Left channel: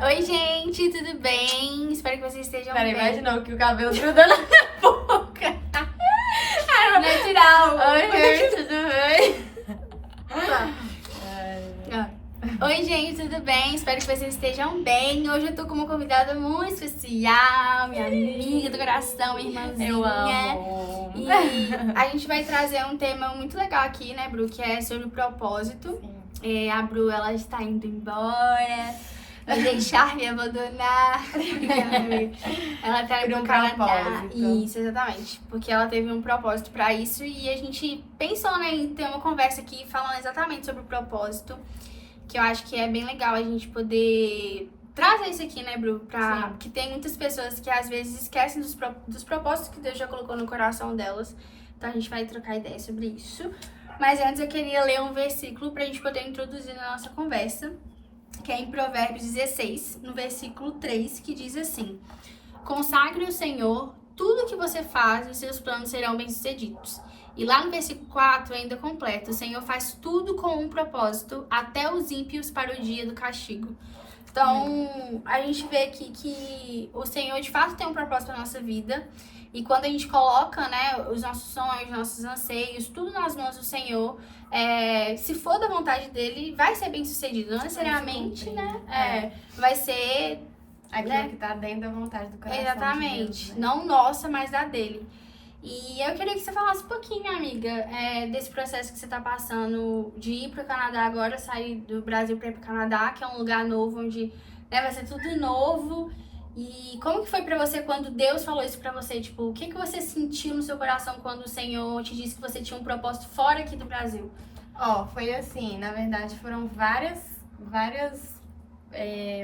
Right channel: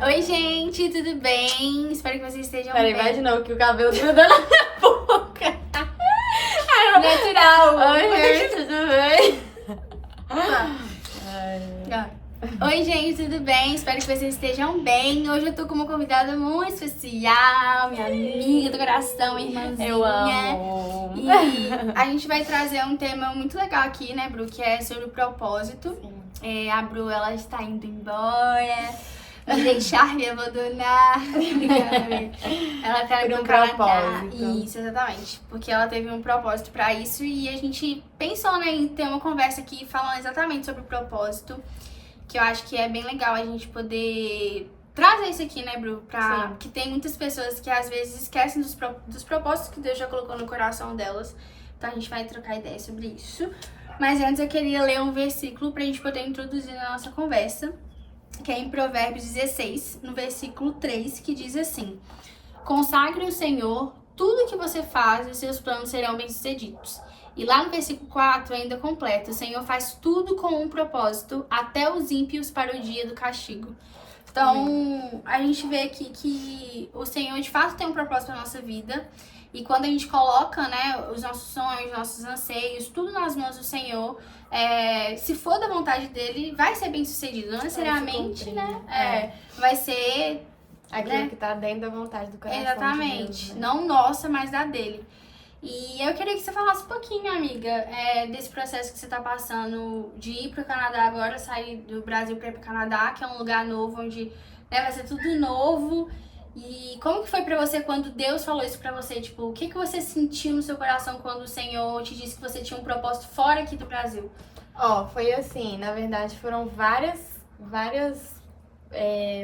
Oi, gente, tudo bem? Espero que vocês estejam bem. Peraí, vai de novo que o cabelo grudou na minha boca. Natural. Oi, gente, tudo bem? Oi, gente, tudo bem? Espero que vocês estejam bem. Hoje eu tô com uma convidada muito especial, minha amiga do coração, minha irmãzinha. Eu amo. E a gente vai trazer um tema muito legal aqui, né, Bru? Que é sobre o propósito. A Bru, ela está indo embora, me deixar me abandonar. Ela tá indo pro Canadá. Isso, exatamente. Porque ela teve um propósito pra isso e a gente pensou, né, em ter uma conversa aqui falando exatamente sobre o propósito. Que eu acho que é bem legal a gente poder trazer isso aqui, né, Bru? Porque tem muitas pessoas que às vezes esquecem dos propósitos que Deus já colocou no coração delas. Então a gente vai trocar ideia sobre isso. Mas antes eu queria ler um versículo pra gente poder introduzir na nossa conversa, que é em Provérbios 16, no versículo 3, que diz assim: consagre o Senhor tudo que você faz e seus planos serão bem-sucedidos. E lá no versículo 4 ainda completa: o Senhor faz tudo com um propósito, até os ímpios para o dia do castigo. Então, a gente vê aqui que o Senhor de fato tem um propósito para nossa vida. E quando a gente coloca, né, os nossos sonhos, nossos anseios, tudo nas mãos do Senhor, se for da vontade dele, vai ser bem sucedido. Não necessariamente, né? Vai ser aquilo que tá dentro da vontade do coração. Exatamente. De Deus, né? Não nossa, mas da dele. E eu queria que você falasse um pouquinho, amiga, desse processo que você tá passando de ir pro Canadá agora, sair do Brasil pra ir pro Canadá, que é um lugar novo, onde vai ser tudo novo. E como que foi pra você quando Deus falou isso pra você? Tipo, o que que você sentiu no seu coração quando o Senhor te disse que você tinha um propósito fora aqui do Brasil? Foi assim, na verdade foram vários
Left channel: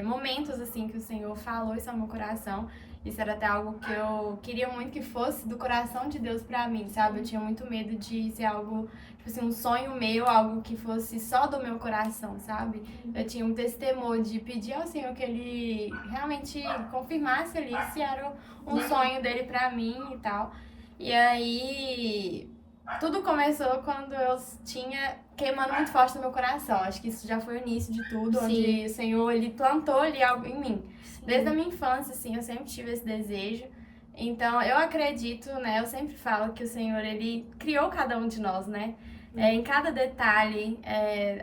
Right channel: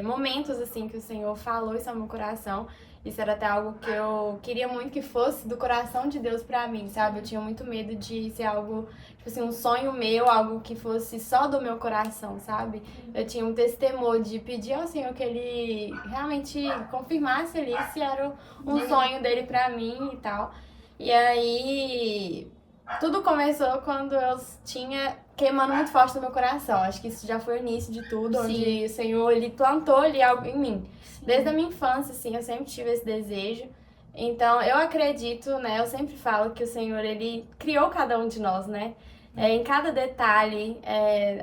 momentos assim que o Senhor falou isso ao meu coração. Isso era até algo que eu queria muito que fosse do coração de Deus pra mim, sabe? Eu tinha muito medo de ser algo, tipo assim, um sonho meu, algo que fosse só do meu coração, sabe? Eu tinha um temor de pedir ao Senhor que Ele realmente confirmasse ali se era um sonho dele pra mim e tal. E aí, tudo começou quando eu tinha queimando muito forte no meu coração. Acho que isso já foi o início de tudo, onde o Senhor, Ele plantou ali algo em mim. Desde a minha infância, assim, eu sempre tive esse desejo. Então, eu acredito, né? Eu sempre falo que o Senhor, Ele criou cada um de nós, né? Em cada detalhe,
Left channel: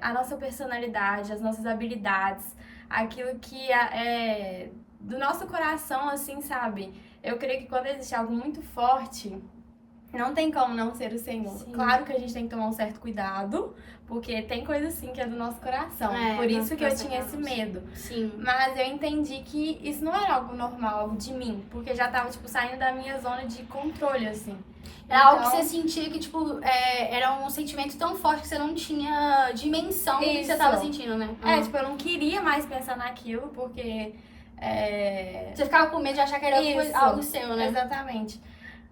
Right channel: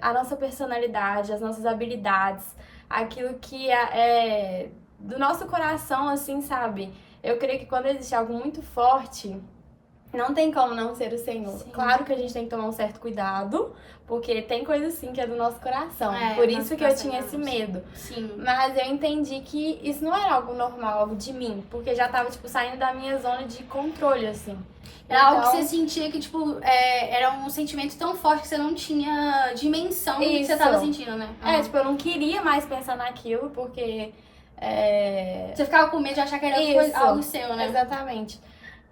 a nossa personalidade, as nossas habilidades, aquilo que é do nosso coração, assim, sabe? Eu creio que quando existe algo muito forte, não tem como não ser o Senhor. Sim. Claro que a gente tem que tomar um certo cuidado, porque tem coisa assim que é do nosso coração. Por isso que eu tinha esse medo. Sim. Mas eu entendi que isso não era algo normal, algo de mim, porque já tava, tipo, saindo da minha zona de controle, assim. Era algo que você sentia que, tipo, era um sentimento tão forte que você não tinha dimensão do que você tava sentindo, né? Tipo, eu não queria mais pensar naquilo, porque... Você ficava com medo de achar que era algo seu, né? Exatamente.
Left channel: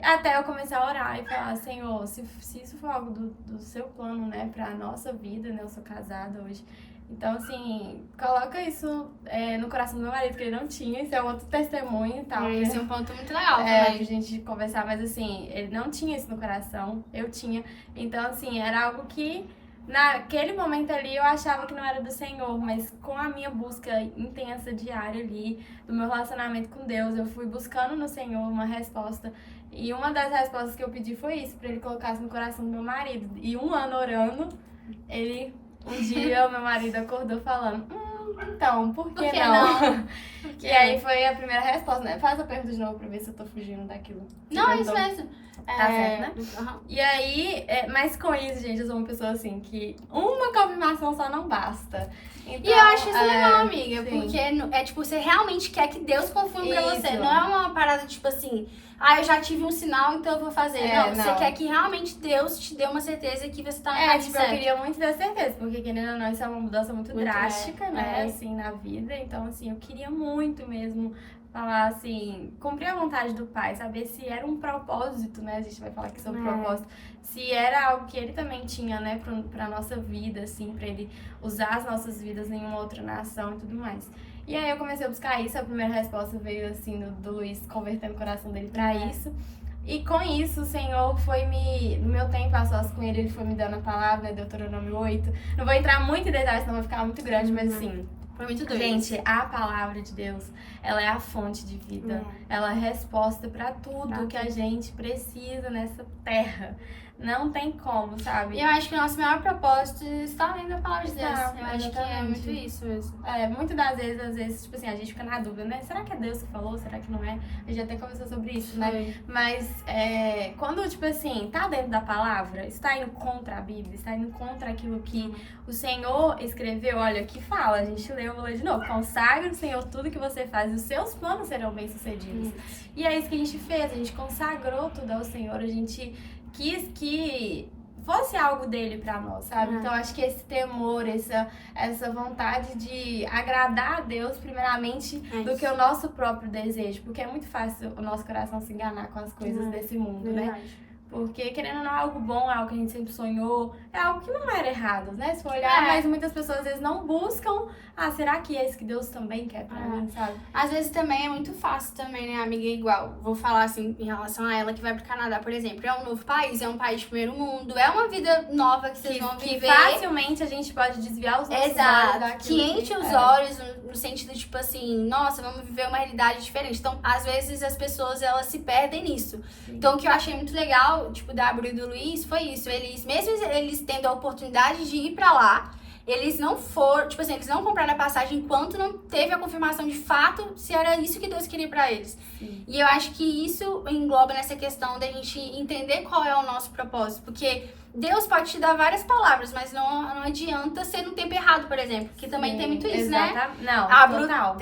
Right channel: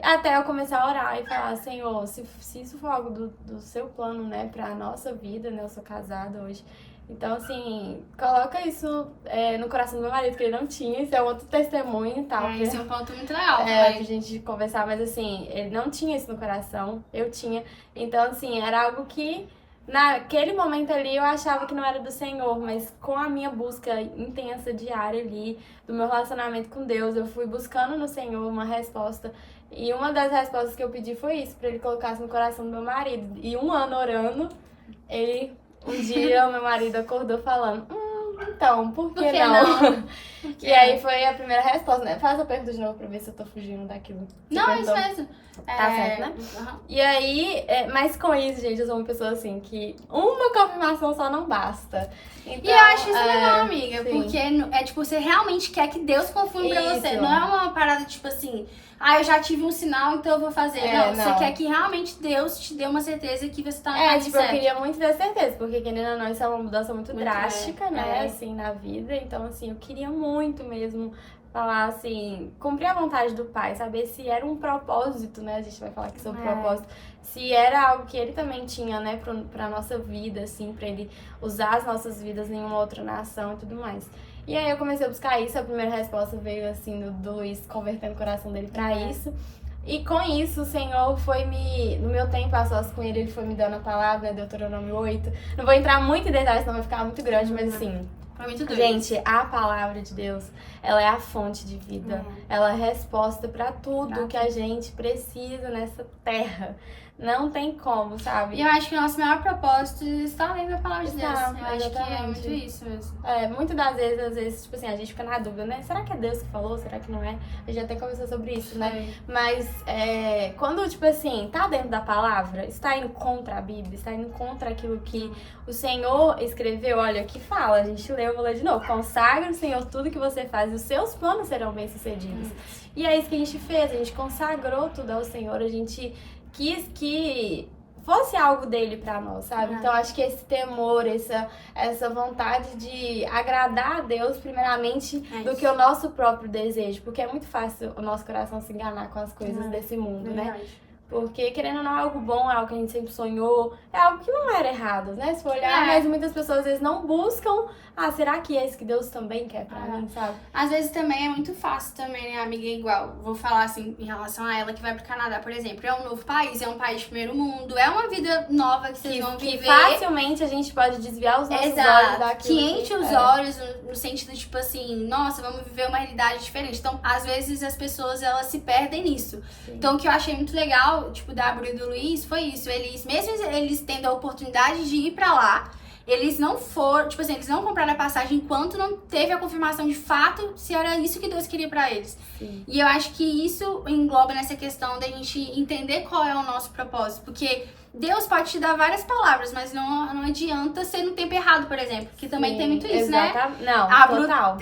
Até eu começar a orar e falar: Senhor, se isso for algo do seu plano, né, pra nossa vida, né, eu sou casada hoje. Então, assim, coloca isso no coração do meu marido, que ele não tinha, isso é outro testemunho e tal. Esse é um ponto muito legal também. Pra gente conversar, mas assim, ele não tinha isso no coração, eu tinha. Então, assim, era algo que naquele momento ali eu achava que não era do Senhor, mas com a minha busca intensa, diária ali, do meu relacionamento com Deus, eu fui buscando no Senhor uma resposta. E uma das respostas que eu pedi foi isso, pra ele colocar no coração do meu marido. E um ano orando, um dia o meu marido acordou falando: então, por que não? E aí foi a primeira resposta, né? Faz a pergunta de novo pra ver se eu tô fugindo daquilo. Não, é isso mesmo. Tá certo, né? Uhum. E aí, mas com isso, gente, eu sou uma pessoa assim que uma confirmação só não basta. Então, e eu acho isso legal, amiga, sim. porque tipo, você realmente quer que Deus confirme pra você. Isso. Não é uma parada tipo assim: eu já tive um sinal, então eu vou fazer. Não, você quer que realmente Deus te dê uma certeza que você tá no caminho certo. Eu queria muito ter certeza, porque querendo ou não, isso é uma mudança muito drástica, né, assim, na vida. Então, assim, eu queria muito mesmo falar assim, cumprir a vontade do Pai, saber se era um propósito, né, a gente vai falar aqui sobre propósito, se era algo que ele também tinha, né, pra nossa vida, assim, pra ele usar as nossas vidas em uma outra nação e tudo mais. E aí eu comecei a buscar isso, a primeira resposta veio, assim, do Luiz convertendo o coração dele pra isso. E com isso, o Senhor foi no meu tempo a sós com ele foi me dando a palavra, Deuteronômio 8. Não vou entrar muito em detalhes, senão vai ficar muito grande, mas assim, Foi muito doido. Gente, a palavra de Deus, ela é a fonte de vida. Ela é a resposta pra tudo que a gente precisa nessa terra. Não tem como, sabe? E eu acho que o nosso maior propósito está além da palavra de Deus. Eu acho que é exatamente. muito isso mesmo. Muitas das vezes, às vezes, tipo assim, a gente fica na dúvida, né? Será que é Deus que falou? Será que não é? A gente até conversou sobre isso, né? Mas quando, tipo assim, tá dentro da palavra, está indo contra a Bíblia, está indo contra aquilo que o Senhor escreveu, olha, que fala, a gente leu, eu vou ler de novo. Consagra o Senhor tudo que você faz e os seus planos serão bem-sucedidos. E é isso que a gente fez, a gente consagrou tudo ao Senhor, a gente quis que fosse algo dele pra nós, sabe? Então acho que esse temor, essa vontade de agradar a Deus primeiramente do que o nosso próprio desejo, porque é muito fácil o nosso coração se enganar com as coisas desse mundo, né? Porque, querendo ou não, é algo bom, é algo que a gente sempre sonhou, é algo que não era errado, né? Se for olhar, mas muitas pessoas às vezes não buscam, será que é isso que Deus também quer pra mim, sabe? Às vezes também é muito fácil também, né, amiga? Igual, vou falar assim, em relação a ela que vai pro Canadá, por exemplo. É um novo país, é um país de primeiro mundo, é uma vida nova que vocês vão viver. Facilmente a gente pode desviar os nossos olhos daquilo. Que enche os olhos no sentido, tipo assim, nossa, vamos viver uma realidade diferente. Então, às vezes as pessoas, elas se perdem nisso. Então, o que eu achei muito legal, tipo, da Bru e do Luiz, foi isso. Eles, mesmo eles tendo a oportunidade de ir pra lá, eles não foram, tipo assim, eles não compraram a passagem enquanto não teve a confirmação de fato se era isso que Deus queria pra eles. E eu acho que isso engloba nessa questão da gente entender qual é o nosso propósito, porque Deus pode te dar várias palavras, mas não adianta ser no tempo errado, por exemplo, que também tem muito isso, né? Não, a Bru, total.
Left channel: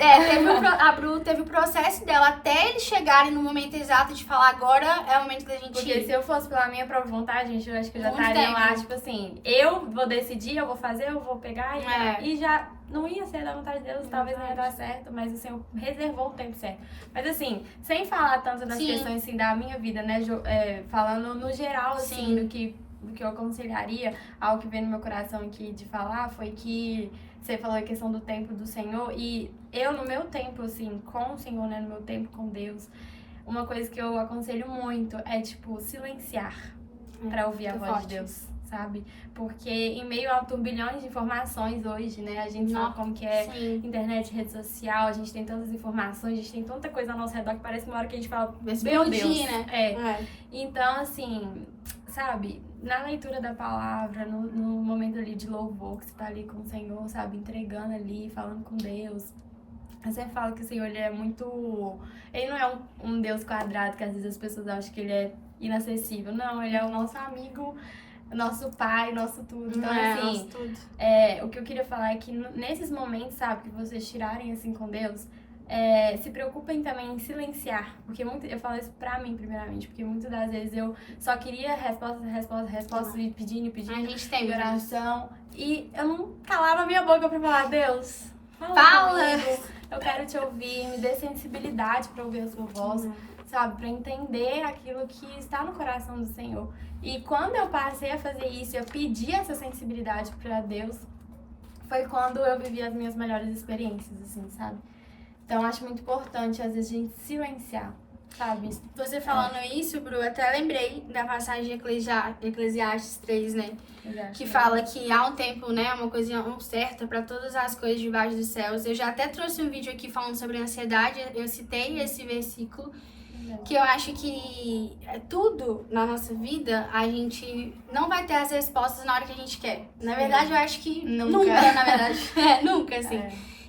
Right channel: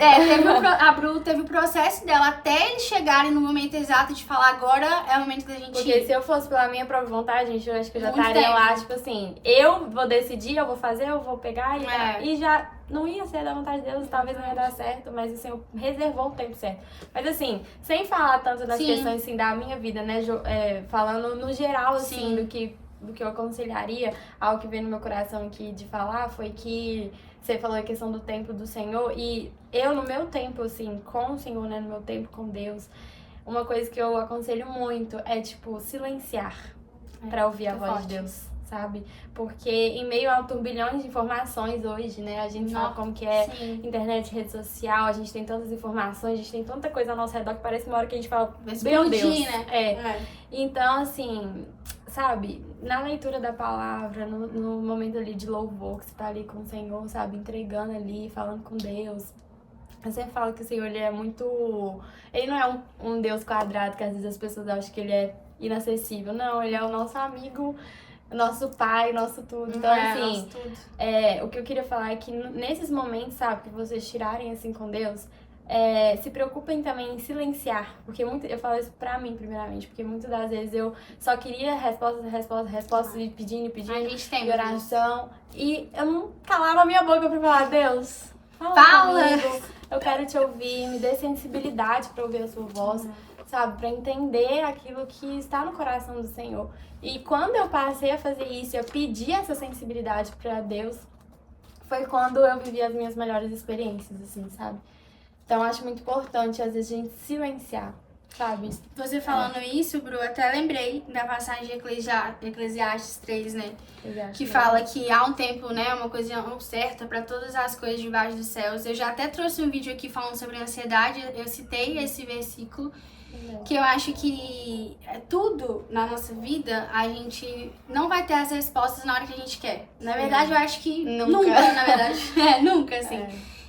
A Bru teve o processo dela até eles chegarem no momento exato de falar, agora é o momento da gente Porque ir. se eu fosse pela minha própria vontade, gente, eu acho que eu já Muito estaria lá, tempo. tipo assim, eu vou decidir, eu vou fazer, eu vou pegar e já não ia ser da vontade de Deus, talvez não ia dar certo, mas o Senhor reservou um tempo certo. Mas assim, sem falar tanto das questões assim, da minha vida, né, falando no geral, assim, do que eu aconselharia, algo que veio no meu coração aqui de falar, foi que você falou a questão do tempo do Senhor, e eu no meu tempo, assim, com o Senhor, né, no meu tempo com Deus, uma coisa que eu aconselho muito é, tipo, silenciar pra ouvir a voz de Deus, sabe? Porque em meio a turbilhões de informações hoje, né, a gente sabe como que é internet, rede social, a gente tem tantas informações, a gente tem tanta coisa ao nosso redor que parece uma hora que a gente fala, meu Deus, né? Então, assim, sabe, na leitura da palavra, no momento ali de louvor, que você tá ali com o Senhor, sabe, entregando ali, falando com Deus. Eu sempre falo que o Senhor, ele é muito... Ele não é um Deus quadrado, que às vezes as pessoas acham que ele é inacessível. Não, ele é o nosso amigo, nosso pai, nosso tudo. Então, assim, nosso tudo. O que eu queria falar é que nesses momentos, sabe, que vocês tirarem assim com Deus, se preocupem também em silenciar, porque eu falo isso pra mim primeiramente, porque muitas das vezes eu só queria respostas e pedindo, a gente tem oração, e eu não calava a minha boca pra falar, Deus, fala comigo, eu quero te ouvir, me dê sensibilidade pra ouvir a sua voz, sabe, pra entender aquilo que está no coração do Senhor. E quando eu passei a fazer isso, eu pedi essa sensibilidade pra Deus, foi quando eu vivi as minhas melhores experiências, assim, sabe? Então, eu acho muito importante, às vezes, a gente silenciar, sabe? Você falando isso, Bru, até lembrei da passagem de Eclesiastes 3, né? Que fala que há um tempo, né, uma coisa certa para todas as coisas debaixo dos céus. Eu já até trouxe um vídeo aqui falando sobre ansiedade, eu citei esse versículo, que eu acho que tudo na nossa vida, a gente não vai ter as respostas na hora que a gente quer. Na verdade, eu acho que nunca na verdade. Nunca, assim.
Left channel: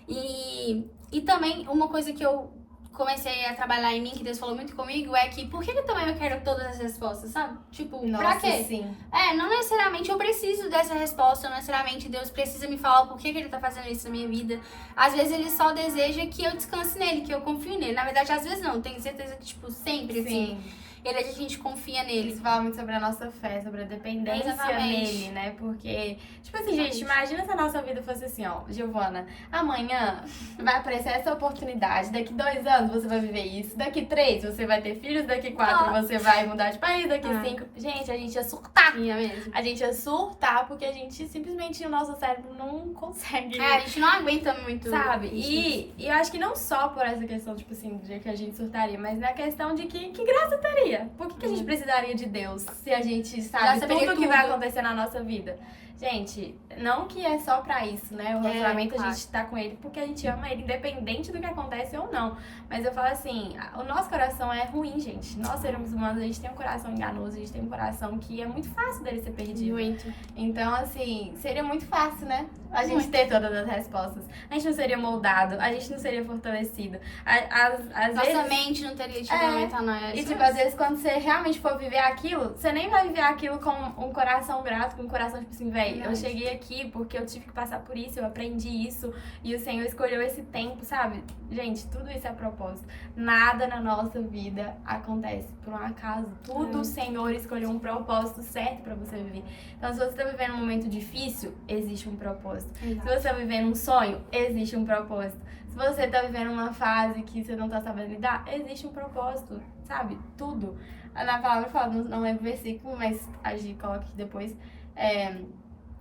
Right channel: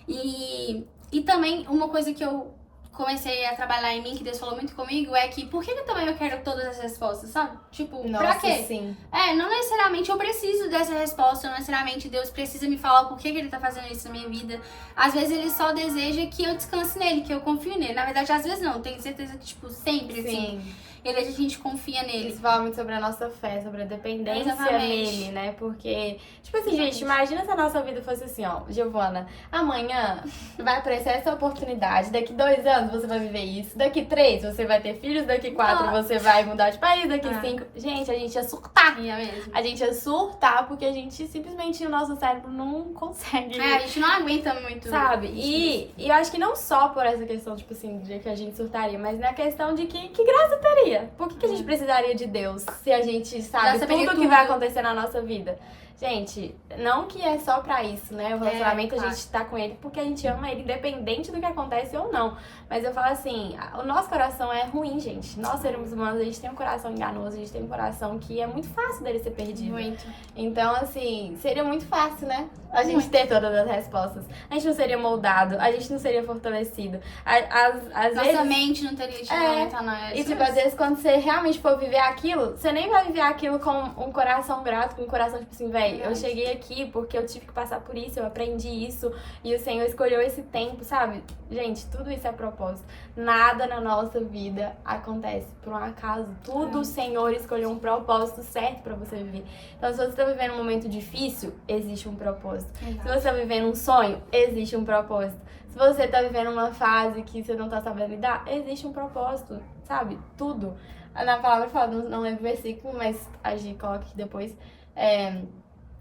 E também, uma coisa que eu comecei a trabalhar em mim, que Deus falou muito comigo, é que por que também eu quero todas as respostas, sabe? Tipo, pra quê? Sim. Não necessariamente eu preciso dessa resposta, não necessariamente Deus precisa me falar o porquê que Ele tá fazendo isso na minha vida. Às vezes Ele só deseja que eu descanse nele, que eu confie nele. Na verdade, às vezes não, tenho certeza que, tipo, sempre, assim, a gente confia nele. Isso fala muito sobre a nossa fé, sobre a dependência nele, né? Porque, tipo assim, gente, imagina se a nossa vida fosse assim, ó, Giovana, amanhã vai aparecer essa oportunidade, daqui 2 anos você vai viver isso, daqui 3 você vai ter filhos, daqui 4 você vai mudar de país, daqui 5... Gente, a gente ia surtar. Mesmo. A gente ia surtar porque a gente simplesmente, o nosso cérebro não consegue. A gente não aguenta muito. Sabe? E eu acho que não só por essa questão, tipo assim, de que a gente surtaria, mas na questão de que graça teria. Por que a gente precisaria de Deus se a gente sabe tudo o que vai acontecer na nossa vida? Gente, não que é só pra isso, né? O relacionamento claro. a gente tá com ele porque a gente ama ele, independente do que acontece ou não. Mas eu falo assim, o nosso coração é ruim, gente. Nós, seres humanos, a gente tem um coração enganoso, a gente tem um coração que é muito fácil dele ser perdido. Muito. Então, assim, seria muito fácil, né? A gente ter todas as respostas. A gente não seria moldado, a gente não seria fortalecido. Às Nossa vezes, mente não teria tido momento a nós. e tipo, às vezes quando você realmente for viver aquilo, você nem vai viver aquilo com um coração grato, com um coração tipo assim, velho, eu cheguei aqui porque eu tive que passar por isso, eu aprendi isso, e o Senhor escolheu esse tempo, sabe? Gente, tudo isso é propósito. Nada na nossa vida acontece por um acaso. Tudo o Senhor escolheu um propósito certo pra você viver. Então, se você tá vivendo um momento difícil, existe um propósito. Exato. Se você tá vivendo um sonho, existe um propósito. Se você tá vivendo uma fase que você não tá sabendo lidar, existe um propósito, sabe? Tudo. Na palavra fala, não lembro o versículo, mas a Gi coloca aqui depois.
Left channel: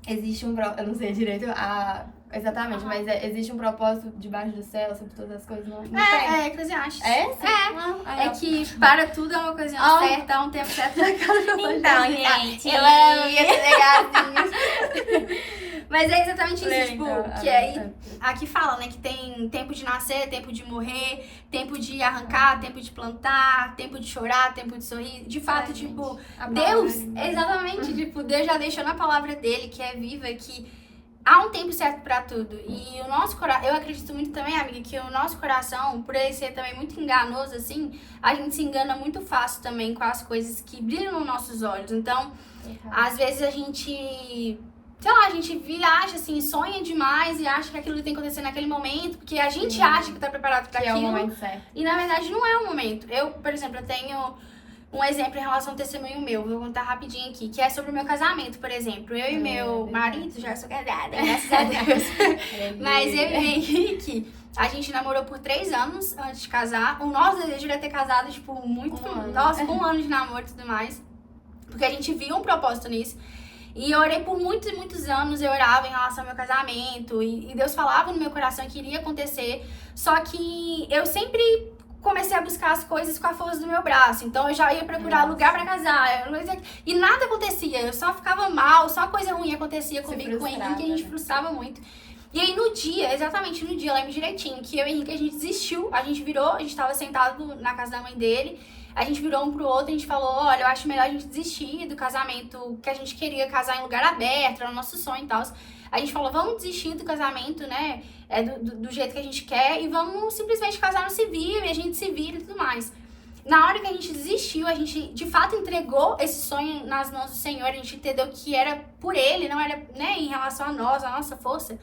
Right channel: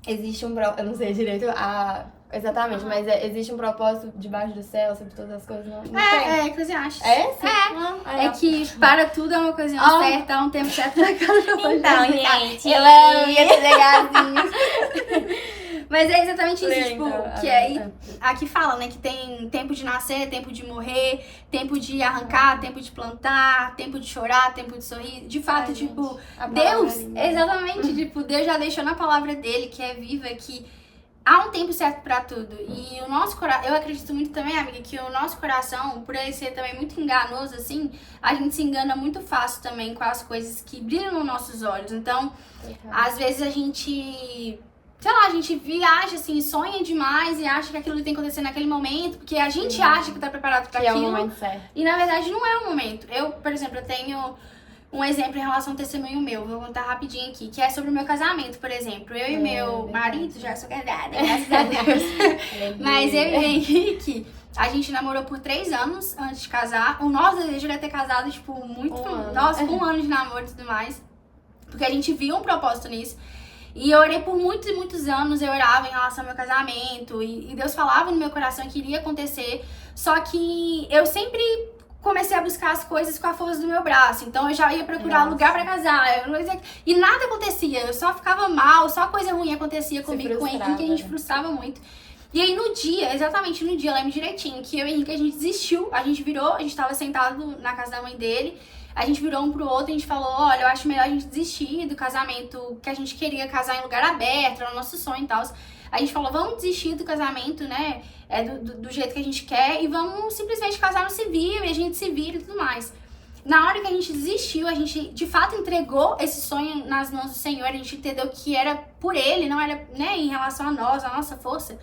Existe um propósito, eu não sei direito exatamente, mas existe um propósito debaixo do céu, sobre todas as coisas. Não tem. Eclesiastes. É? Sim. É que para tudo é uma ocasião certa, há um tempo certo pra cada coisa. Então, gente. Eu amo, ia ter legalzinho. Mas é exatamente isso, tipo, que aí aqui fala, né, que tem tempo de nascer, tempo de morrer, tempo de arrancar, tempo de plantar, tempo de chorar, tempo de sorrir. De fato, tipo, Deus, exatamente, tipo, Deus já deixou na palavra dele, que é viva, que há um tempo certo pra tudo. E o nosso coração, eu acredito muito também, amiga, que o nosso coração, por ele ser também muito enganoso, assim, a gente se engana muito fácil também com as coisas que brilham nos nossos olhos. Então, às vezes a gente, sei lá, a gente viaja, assim, sonha demais e acha que aquilo tem que acontecer naquele momento, porque a gente acha que tá preparado pra aquilo. É o momento certo. E na verdade não é o momento. Eu, por exemplo, eu tenho um exemplo em relação ao testemunho meu, vou contar rapidinho aqui, que é sobre o meu casamento, por exemplo. Eu e meu marido, já sou casada, graças a Deus. Mas eu e o Henrique, a gente namorou por 3 anos antes de casar. O nosso desejo era ter casado, tipo, nossa, com 1 ano de namoro e tudo mais. Porque a gente viu um propósito nisso. E eu orei por muitos e muitos anos, eu orava em relação ao meu casamento. E Deus falava no meu coração que iria acontecer. Só que eu sempre comecei a buscar as coisas com a força do meu braço. Então eu já ia procurar lugar pra casar. E nada acontecia. Eu só ficava mal, só coisa ruim acontecia comigo, com o Henrique, a gente frustrava muito. E aí no dia, exatamente no dia, eu lembro direitinho, que eu e o Henrique, a gente desistiu. A gente virou, a gente tava sentado na casa da mãe dele. A gente virou um pro outro e a gente falou, olha, eu acho melhor a gente desistir do casamento que a gente queria casar em lugar aberto, era o nosso sonho e tal. A gente falou, vamos desistir do casamento, né, do jeito que a gente quer e vamos simplesmente casar no civil e a gente se vira e tudo mais. Na hora que a gente desistiu, a gente de fato entregou esse sonho nas mãos do Senhor, a gente entendeu que era por Ele, não era, né, em relação a nós, a nossa força.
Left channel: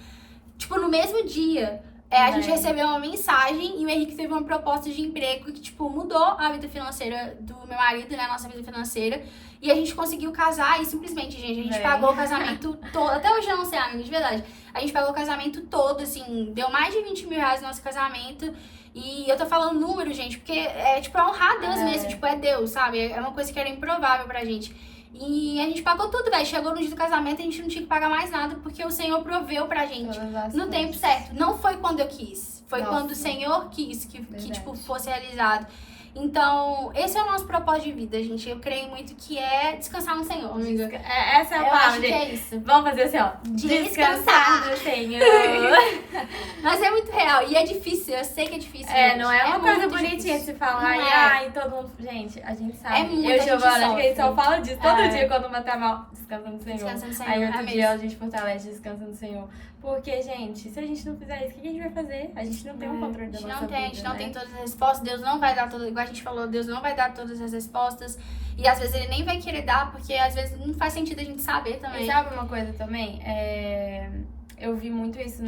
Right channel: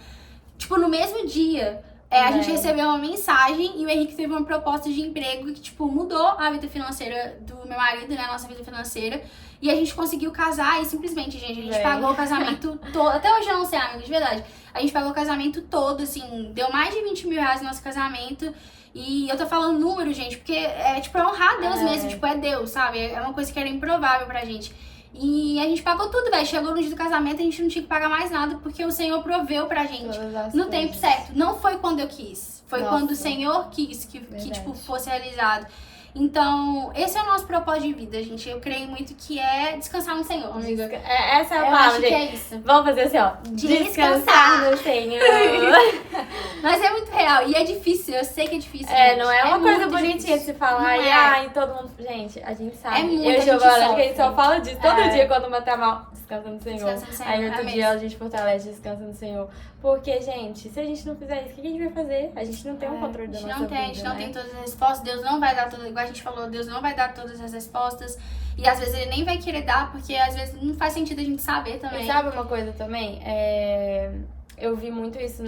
Tipo, no mesmo dia, a gente recebeu uma mensagem e o Henrique teve uma proposta de emprego que, tipo, mudou a vida financeira do meu marido, né? A nossa vida financeira. E a gente conseguiu casar e simplesmente, gente, a gente pagou o casamento todo. Até hoje eu não sei, amiga, de verdade. A gente pagou o casamento todo, assim, deu mais de 20 mil reais no nosso casamento. E eu tô falando número, gente, porque é, tipo, é honrar a Deus mesmo, tipo, é Deus, sabe? É uma coisa que era improvável pra gente. E a gente pagou tudo, velho. Chegou no dia do casamento, a gente não tinha que pagar mais nada, porque o Senhor proveu pra gente no tempo certo. Não foi quando eu quis, foi quando o Senhor quis que tipo, fosse realizado. Então, esse é o nosso propósito de vida, gente. Eu creio muito que é descansar no Senhor, amiga. Essa é a palavra. Eu acho que é isso. Vamos fazer assim, ó. Descansar no Senhor. Mas é muito real. E é difícil, eu sei que é difícil. Não é uma coisa bonitinha difícil de se falar. Não E é. ai, todo mundo. Gente, a gente sabe. É muito, eu e Giovana, a gente só sofre. fala disso todo dia quando uma tá mal. Descansa no Senhor. Descansa no Senhor, Aí é outro mesmo. dia a gente fortalece, descansa no Senhor. Porque, gente, se a gente não fizer isso, o que a gente vai fazer? A gente não tem um controle da nossa vida. A gente não tem todas as respostas. Deus não vai dar todas, igual a gente falou, Deus não vai dar todas as respostas. E às vezes ele nem vai querer dar, porque às vezes não faz sentido a gente saber também. E sabe uma coisa também? Eu vi muito isso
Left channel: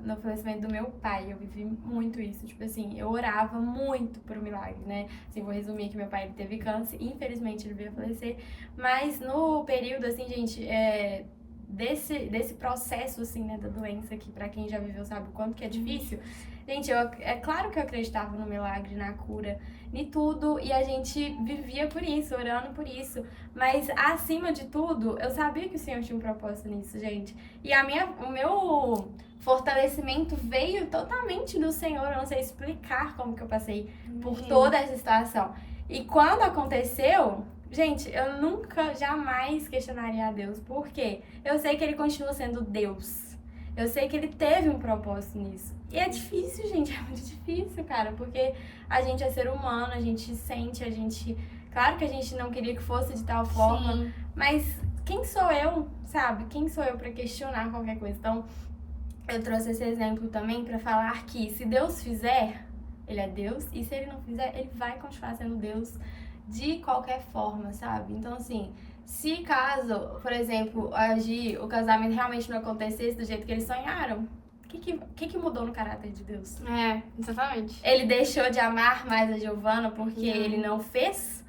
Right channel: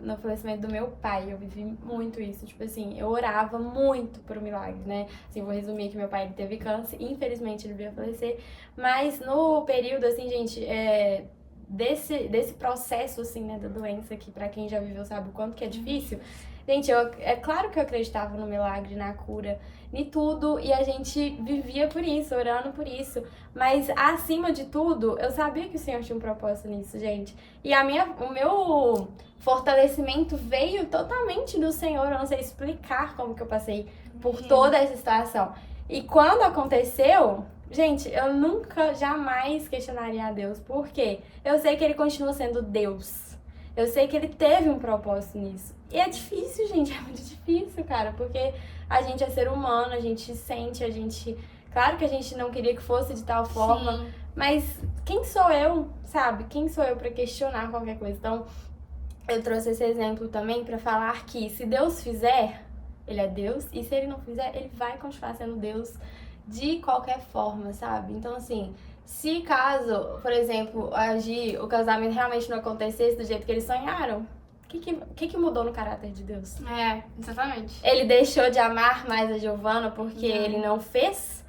no falecimento do meu pai. Eu vivi muito isso. Tipo assim, eu orava muito por um milagre, né? Assim, vou resumir que meu pai ele teve câncer. Infelizmente, ele veio a falecer. Mas no período, assim, gente, desse processo, assim, né, da doença, que pra quem já viveu sabe o quanto que é difícil. Gente, é claro que eu acreditava no milagre, na cura, em tudo, e a gente vivia por isso, orando por isso. Mas, acima de tudo, eu sabia que o Senhor tinha um propósito nisso, gente. E o meu fortalecimento veio totalmente do Senhor. Eu não sei explicar como que eu passei por toda essa situação. E quando aconteceu, gente, eu nunca, jamais questionaria a Deus. Por quê? Eu sei que ele continua sendo Deus. Eu sei que ele teve um propósito nisso. E é difícil, gente, é muito difícil, cara, porque a gente é ser humano, a gente sente, a gente... Claro que a gente não queria que fosse de tal forma, Sim. mas quem sou eu, sabe? Quem sou eu pra questionar qualquer coisa? Então, eu trouxe esse exemplo também pra falar que se Deus fizer, ele é Deus, e se ele não fizer, ele vai continuar sendo Deus de qualquer forma, sabe? Então, assim, se caso, por exemplo, o casamento realmente não acontecesse do jeito que eles sonharam, o que mudou no caráter de Deus? É, exatamente. Ele deixou de amar mais a Giovana porque Não. ele não fez?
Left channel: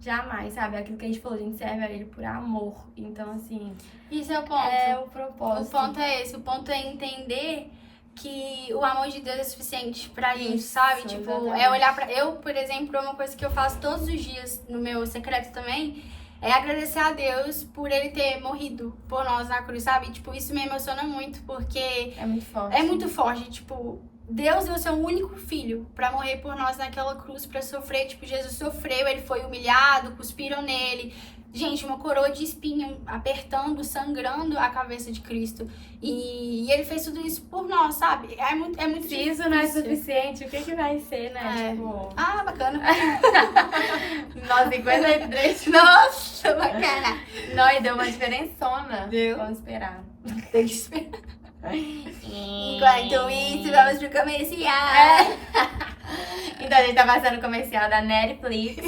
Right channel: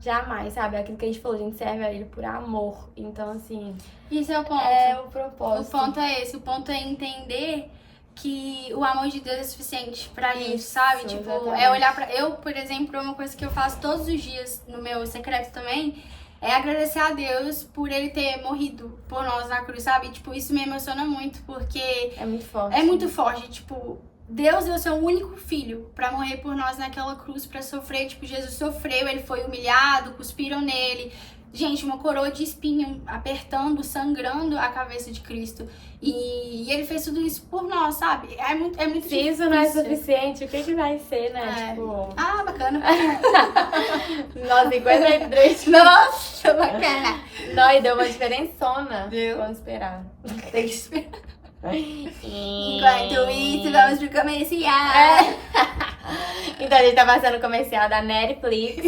Jamais, sabe? Aquilo que a gente falou, a gente serve a ele por amor. Então, assim, Isso é o ponto. é o O propósito. ponto é esse. O ponto é entender que o amor de Deus é suficiente pra gente, Isso, sabe? Tipo, exatamente. é olhar pra... Eu, por exemplo, uma coisa que eu faço todos os dias no meu secreto também é agradecer a Deus por ele ter morrido por nós na cruz, sabe? Tipo, isso me emociona muito, porque É muito forte. é muito forte, tipo... Deus deu seu único filho pra morrer por nós naquela cruz, pra sofrer. Tipo, Jesus sofreu, ele foi humilhado, cuspiram nele. Gente, uma coroa de espinho apertando, sangrando a cabeça de Cristo. E ele fez tudo isso por nós, sabe? É muito Se difícil. isso não é suficiente, o que vai ser, né? É. Tipo, Ah, bacana. nós 53. Nossa, bacana. Nós deu uma diferençona. Deu. Vamos esperar. Tem que esperar. Enquanto Enquanto isso, vamos pro comercial. Então a gente tá passando o comercial da Netflix.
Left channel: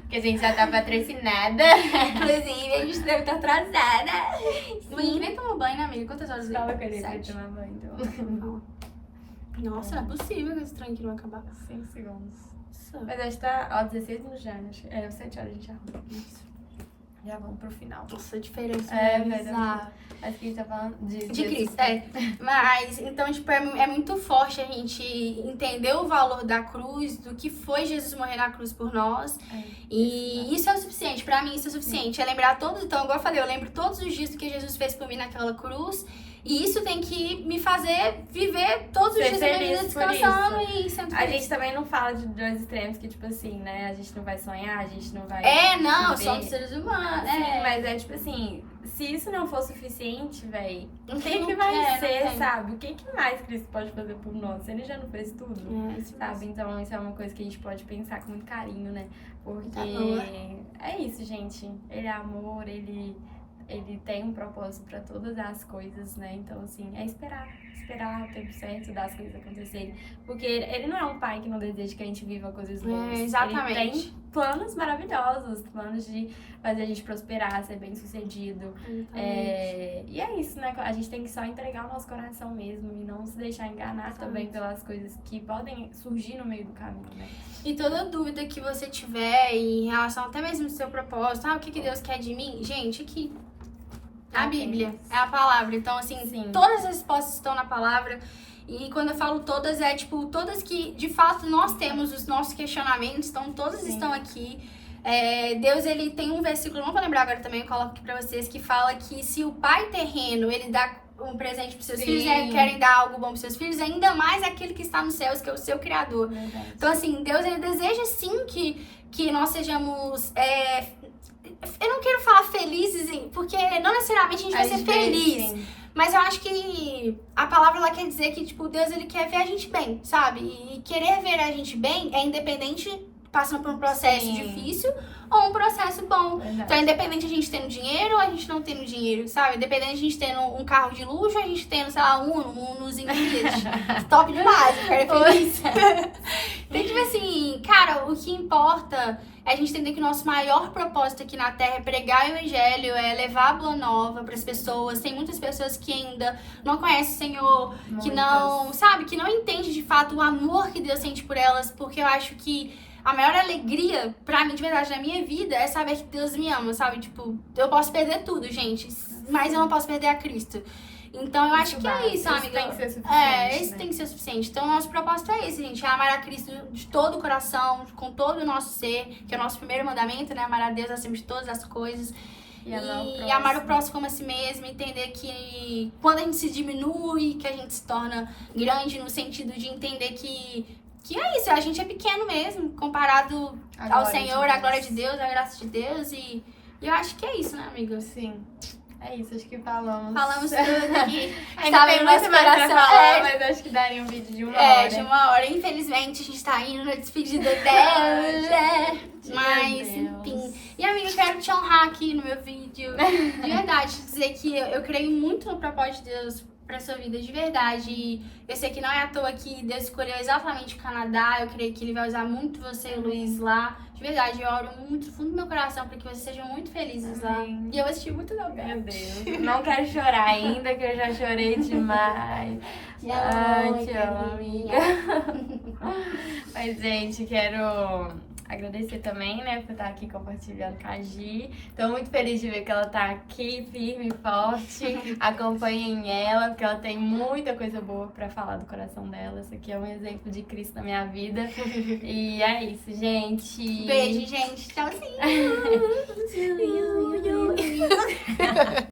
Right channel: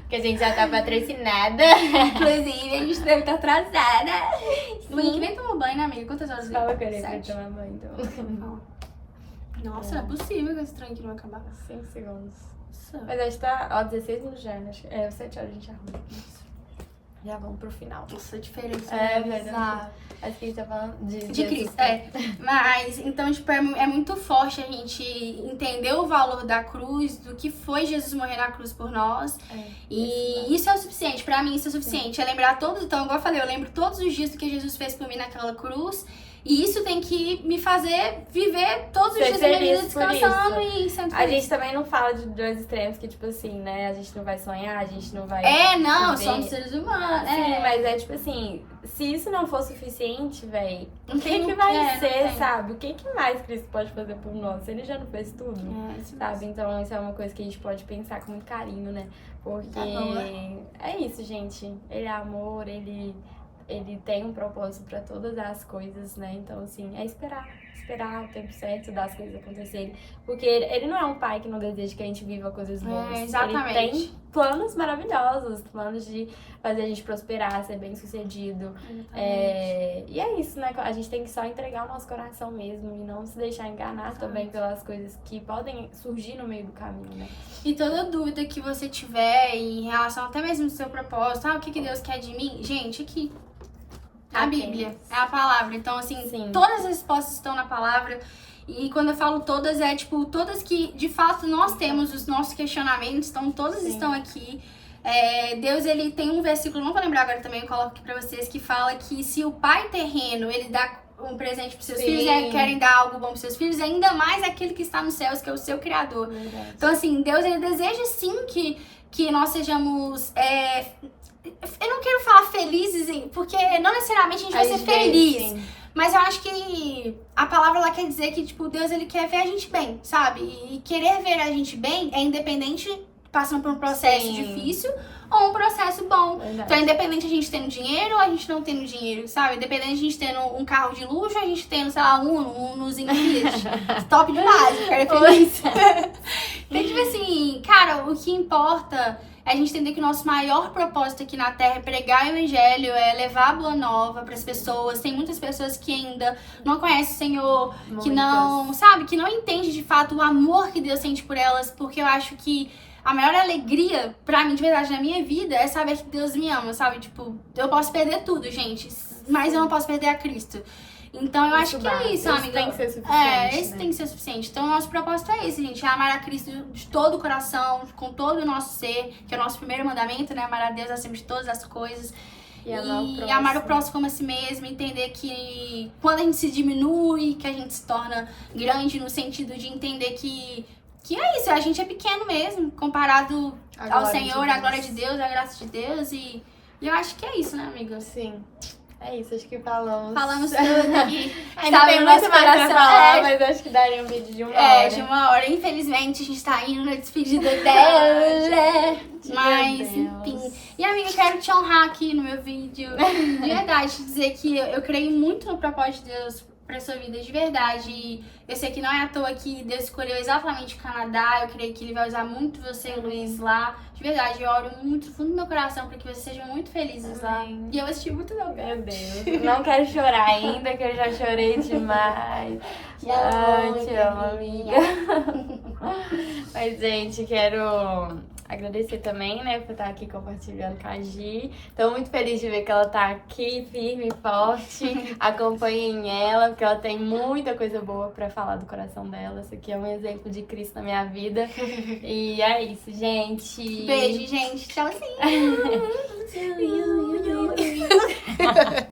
Porque a gente já tá patrocinada. Inclusive, a gente deve estar atrasada. O Monique nem tomou banho, né, amiga? Quantas horas? Fala com ele pra 7. tomar banho, então. Nossa, não é possível que esse trem aqui não vai acabar. 5 segundos. Nossa. Mas acho que tá, ó, 16 minutos já, né? É, 7 horas a gente arruma. Já vamos pro final. Nossa, a diferença É, é verdade. bizarra. Acho que a gente tá falando De Cristo, é. Mas, então, tipo, é muito forte a gente entender o valor da cruz, do que foi Jesus morrer na cruz por nós. E isso é o suficiente, pra mim isso é o suficiente. É lembrar todos, então, igual eu falei, eu lembro todos os dias do que Jesus fez por mim naquela cruz. E isso tem que me fazer viver todos os Ser dias da minha vida feliz por descansando e sendo A feliz. gente também não fala de dois extremos que, tipo assim, né? A gente não vai sonhar, a gente não vai... É, não, viver. somos seres humanos. Sim, É. mas é tipo assim, se isso não for suficiente, véi, Não o tem que vai não ser, tem. sabe? O que mais Cristo pode fazer por nós? Ele já não fez tudo, É, isso sabe? Então isso é uma coisa que a gente pode pensar com muito carinho, né? Porque Tá boa. é isso, gente. Ele é amor, ele tem um propósito pra todas as coisas, né? Então, assim, é esperar o tempo certo das coisas acontecerem. Porque ele não é um pai que não deseja que a gente viva coisas boas. exatamente. Ele tem planos maravilhosos, planos de fazer a gente prosperar, ser bem sucedido. E é isso, né? A gente tem que só entregar o nosso coração mesmo e não se deixar enganar também pelas coisas que podem surgir no meio do caminho, né? E toda dúvida que você tiver em relação até mesmo ao seu propósito, o que Deus quer de mim, gente, aqui. A Bíblia, é a palavra. Então, assim, Sim. todas as respostas estão na palavra. E quando eu falo todas, é tipo, todas que de fato nós temos os nossos questionamentos, então todas estão aqui. Deus, ele tem um versículo, não vou lembrar agora também, eu coloco aqui pra vocês, que fala que se o pai terreno, ele dá um presente pros seus filhos, querem dar algo bom pros seus filhos, ainda mais aquele que está nos céus, que é o seu Criador. Verdade. Então, assim, Deus, ele deseja sim que nós sejamos... eu não quero falar felizes, porque não necessariamente a gente vai ser feliz. Sim. Mas eu acho que a palavra lá quer dizer que, tipo, Deus, ele quer ver a gente bem, sabe? E querer ver a gente bem é independente, passando por um processo Sim. difícil ou um processo bom. Verdade. Então é independente a gente tendo dinheiro ou a gente não tendo dinheiro, sabe? Independente a gente tendo um carro de luxo ou a gente tendo, sei lá, um Unozinho Fiat. Top demais, eu quero feliz. Então, tipo assim, cara, o que importa é a gente entender que o nosso maior propósito aqui na Terra é pregar o Evangelho, é levar a boa nova pras pessoas. Tem muitas pessoas que ainda não conhecem o Senhor, que não, sabe, que não entende de fato o amor que Deus sente por elas, porque eu acho que a maior alegria pra mim, de verdade, na minha vida é saber que Deus me ama, sabe? Tipo, eu posso perder tudo, gente, mas eu não posso perder a Cristo. Então eu acho que é isso, amiga. Tem que ser suficiente, Esse né? tem que ser suficiente. Então, o nosso propósito é esse, gente. É amar a Cristo de todo o coração, com todo o nosso ser, que é o nosso primeiro mandamento, né? Amar a Deus acima de todas as coisas. E amar o próximo como a si mesmo. Entender que quando a gente se diminui, que a gente se torna grande, no sentido de entender que que é isso, a gente é pequeno mesmo, comparado ao Senhor, à glória de Deus, à graça de Deus. E eu acho que é isso, né, amiga? Sim. É isso, acho que falamos. Falamos tudo aqui. Ainda Estava tem no nosso muito mais pra coração. falar, mas acho que daria um vídeo de uma hora. É, de uma hora. Infelizmente, a gente tá indo na despedida dela. Mas, Deus. enfim. E, amiga, eu quero te honrar aqui no meu vídeo. De verdade, dizer que eu creio muito no propósito de Deus pra sua vida, de verdade. E eu sei que não é à toa que Deus escolheu exatamente o Canadá. Eu creio que Ele vai usar muito você e o Luiz lá. De verdade, eu oro muito no fundo do meu coração pra que vocês sejam muito felizes lá. E eu assisti muito novela. Meu Deus, não quero chorar ainda, que eu já chorei demais. Ai, te amo, amiga. Mas, gente, quero agradecer também, né, por estar aqui compartilhando com a Gi. Tô muito feliz de ver que ela tá aqui, firme e forte. Acompanhem ela, porque ela tem muita coisa boa pra falar do coração dela. Isso aqui é um exemplo de Cristo na minha vida. E é isso, gente. Beijo, gente. Tchauzinho.